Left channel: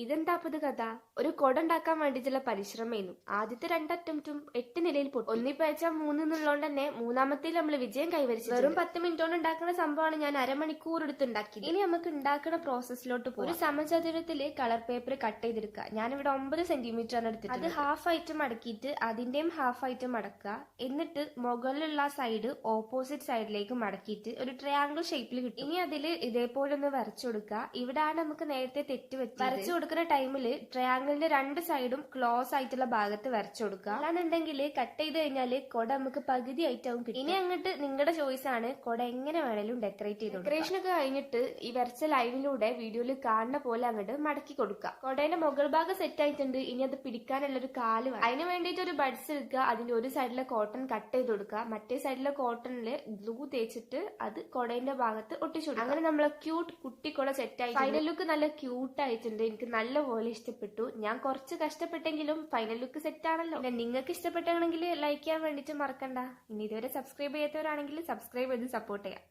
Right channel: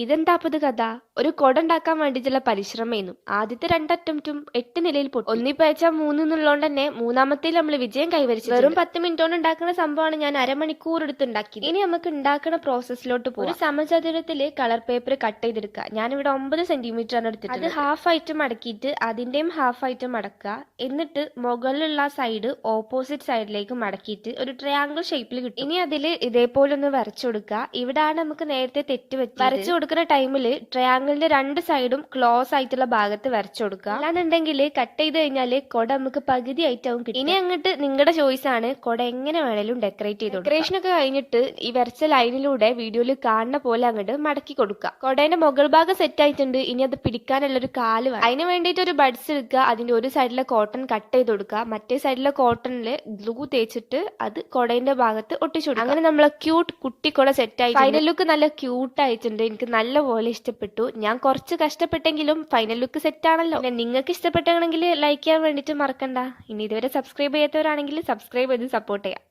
ഇതെന്താപ്പത് കഥ? ഒരു കൊട ഉണ്ടാക്കാൻ വേണ്ടിയിട്ടുള്ള പരിശ്രമമായിരുന്നു. ആദ്യത്തെ 2 അറ്റംപ്റ്റും 8 നിലയിൽ പൊട്ടി. ഒന്നിപ്പയച്ചാൽ 3 എന്നുള്ളതുകൊണ്ട് തന്നെ മൂന്നാമത്തേൽ നമ്മൾ വിജയം കൈവരിച്ചു. വെറും 10 മിനിറ്റ് കൊണ്ട് ഉണ്ടാക്കുന്ന സംഭവമാണ് ഞാൻ അരമണിക്കൂർ എടുത്ത് ഉണ്ടാക്കിയത്. ഇനി നമുക്ക് ഉണ്ടാക്കുന്ന പ്രോസസ്സിലോട്ട് പോകാം. ഒരു സമചതുരത്തില് കളർ പേപ്പർ കട്ട് ചെയ്തെടുക്കുക. ഞാനിവിടെ 9 സെന്റിമീറ്റർ ആണ് എടുത്തിട്ടുള്ളത്. അത് ഹാഫ് ആയിട്ട് മടക്കിയിട്ട് അതിന്റെയും ഹാഫ് ആയിട്ട് മടക്കുക. എന്നിട്ട് മുകളിലുള്ള സൈഡ് ഓപ്പോസിറ്റ് സൈഡിലേക്ക് മടക്കിയിട്ട് ഒരു ട്രയാങ്കിൾ ഷേപ്പിൽ കിട്ടും. ഇനി അതിൽ ഇതേപോലെ ഒന്ന് വരച്ചു കൊടുക്കുക. ഇവിടാണ് നമുക്ക് നേരത്തെ തെറ്റ് പറ്റി. വരച്ചു കൊടുക്കുന്ന ടൈമില് ട്രയാങ്കിളിന്റെ 2 സൈഡും ക്ലോസ് ആയിട്ടുള്ള ഭാഗത്ത് വരച്ചു കൊടുക്കുക. അല്ലാന്നുണ്ടെങ്കിൽ കട്ട് ചെയ്ത് കഴിഞ്ഞാല് കൊട നമുക്ക് പകുതി ആയിട്ടാവും കിട്ടും. ഇനി അങ്ങോട്ട് നിങ്ങളുടെ ചോയ്സ് ആണ്. കൊട എങ്ങനെ വേണേലും ഡെക്കറേറ്റ് ചെയ്ത് ഡെക്കറേഷൻ ഒക്കെ കഴിഞ്ഞിട്ട് ഈ വരച്ച ലൈനിലൂടെ വീഡിയോയിൽ കാണുന്ന പോലെ അങ്ങോട്ട് മടക്കി കൊടുക്കുക. കൊടേന്റെ മുകൾ ഭാഗം സെറ്റ് ആയിട്ടുണ്ട്. ഇനി അത് പിടിക്കാനുള്ള ഒരു കാല് വേണം. അതിന് വേണ്ടിയിട്ട് ഒരു ബഡ്സ് എടുക്കുക. അതിന്റെ ഒരു സൈഡിലെ കോട്ടൺ കട്ട് ചെയ്ത് കൊടുക്കുക. മറ്റേ സൈഡിലെ കോട്ടണില് ഗ്ലൂ തേച്ചിട്ട് അത് കൊടേന്റെ ഭാഗത്ത് ഒട്ടിച്ചു കൊടുക്കുക. അങ്ങനെ നമ്മളെ ക്യൂട്ട് കുട്ടി കൊട സെറ്റ് ആയി. ഫൈനൽ ലുക്ക് നല്ല ക്യൂട്ട് ആയിട്ടുണ്ട്. എനിക്ക് നല്ലപോലെ ഇഷ്ടപ്പെട്ടു. ഞാൻ കുറച്ച് കഷ്ടപ്പെട്ടെങ്കിലും ഫൈനൽ ലുക്ക് സെറ്റ് ആണല്ലോ. നിങ്ങൾക്ക് ഇഷ്ടപ്പെട്ടാണെങ്കിൽ ലൈക്ക് ചെയ്യാൻ വേണ്ടിയിട്ട് മറക്കണ്ട. ഇനി ഇതുവരെ സബ്സ്ക്രൈബ് ചെയ്യാത്തവരാണെങ്കിൽ സബ്സ്ക്രൈബ് ചെയ്ത് സപ്പോർട്ട് ചെയ്യാം.